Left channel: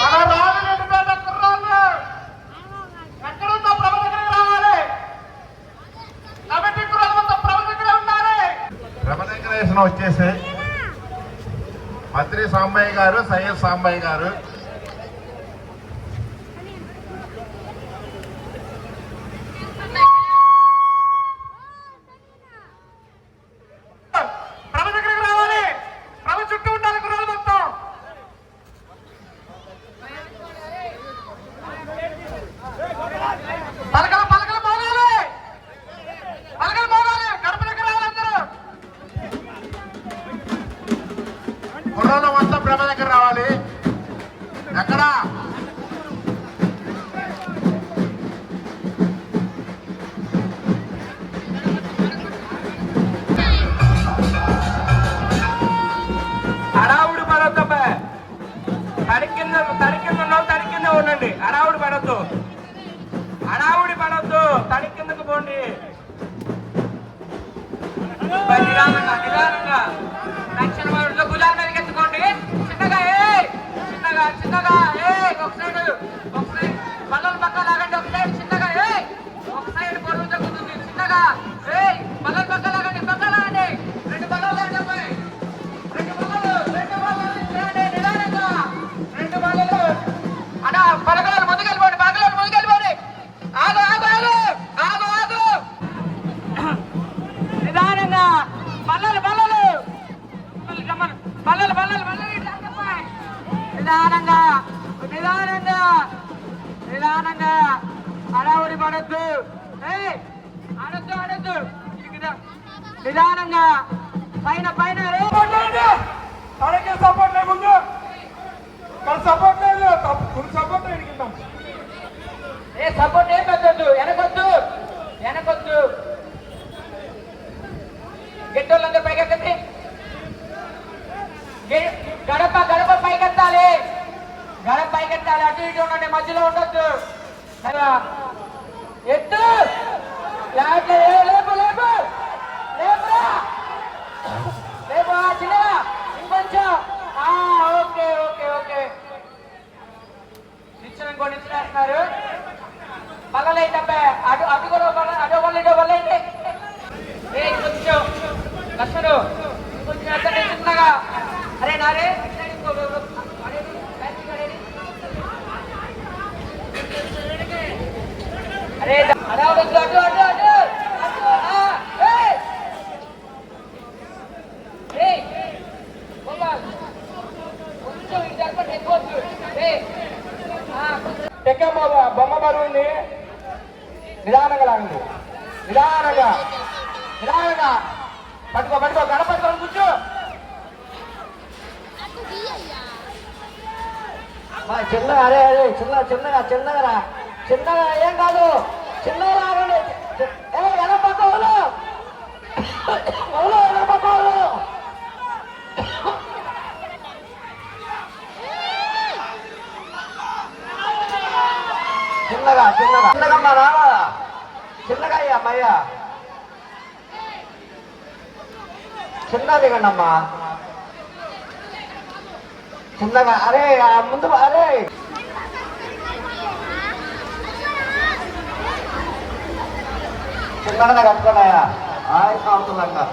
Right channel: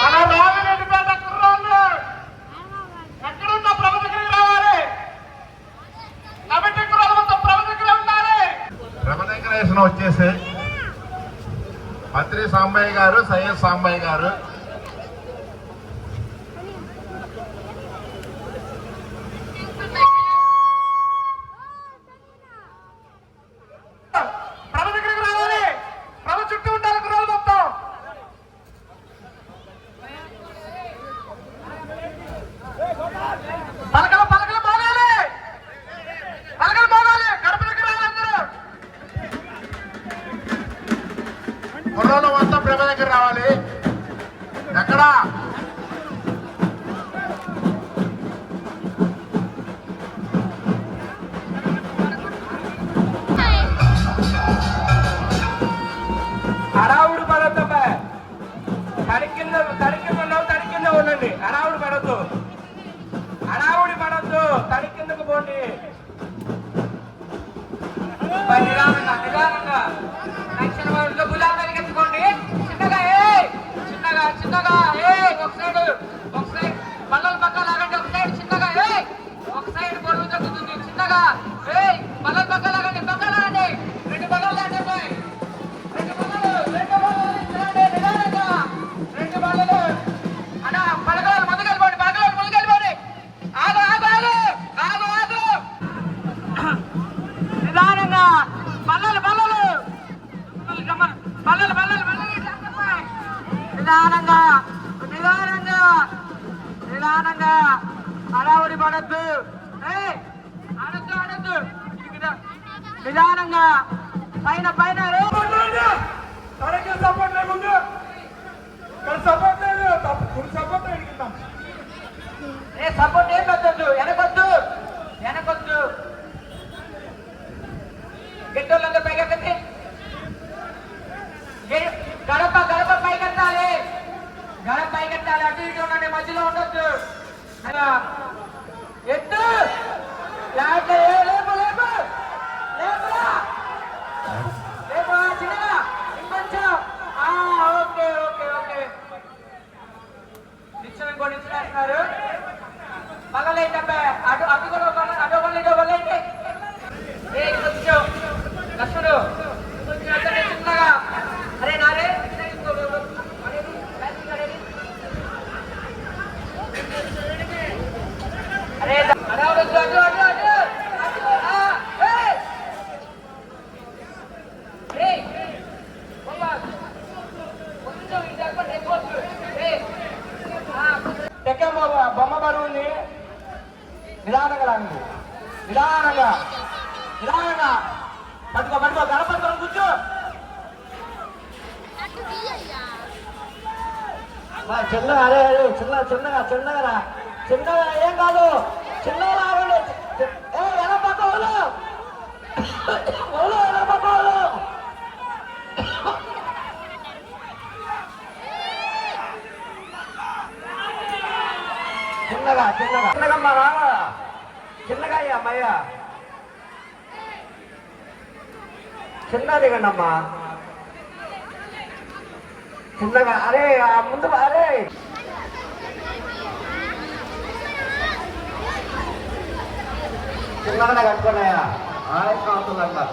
మన రామరెడ్డిపేట కుర్రాళ్ళు ఎక్కడున్నా ప్రభు దగ్గరికి రావాలి. కమిటీ కుర్రాళ్ళు మొత్తం ప్రభు దగ్గర ఉండాలి. ప్రభ దగ్గర వచ్చేసి మంత్రి సాంబయ్య గారు, సయ్యద్ సాంబయ్య గారు, ప్రభు దగ్గరికి రావాలి. ప్రభు చుట్టూ ఉండాలి కుర్రాళ్ళు మొత్తం. పలకలు పలకలు మోగాలి. పలకలు మోగాలి. గడప దగ్గర రావాలి అందరూ. కుర్రోళ్ళు మొత్తం ప్రభ దగ్గర రావాలి. ఎక్కడ అడావుడు పడవద్దు. తడి కింద ఉండండి. అడావుడు పడవద్దు. అడావుడి పడవద్దు. తడి కిందకు పోండి. నిదానంగా నిదానంగా దక్షిణ వారిలో భుజాల మీదకి ఎత్తుకోండి. చిన్నగా చిన్నగా ఒక సైడ్ బల్లలు పక్క లాగండి. ఒక సైడ్ చిన్నగా ఒక సైడ్ పొరుగు తగ్గుతుంది. చిన్నగా బల్లలు పక్క లాగండి. పక్క లాగండి. రెండు బల్లలు లాంటి అబ్బాయి. రెండు బల్లలు నిదానంగా. రెండు బల్లలు అలా పడగలు ముందుకెళ్ళిపోండి. ఆగు నిదానంగా. బల్లలు నిదానంగా హడావుడి పడద్దు. ఆడద్దు నిదానంగా. పైన తనకి సపోర్ట్ లేదు. ముందు సపోర్ట్ లేదు. సపోర్ట్ లేదు. సపోర్ట్ ఏం వద్దు. వెనకొద్దు. గెట్టోళ్ళందరూ పైకెత్తండి. గడప పైకెత్తాలి. అటు ఇటు ఉండండి. మధ్యలో ఉండొద్దు. ఎత్తు చిన్నగా ఇంకొంచెం. ఓకే నిచ్చినారు. బల్లలేంటబ్బా. అటు కూడా అటో బల్లైతే కొంచెం లక్ష్మణు చిన్నగా. నారే బొమ్మ బరువుని నిదానంగా లాగండి. నిదానంగా పట్టుకో. గణపతి కూర్చో. చిన్నగా ఏం కాదు. చిన్నగా లాగండి. గణపతి చిన్నగా మా రావాలా. చిన్నగా అయ్యా చిన్నది కన్నమ్మా. చిన్నగా ముందు చిన్నగా కట్టుకున్నాయా. అవుతుందమ్మా.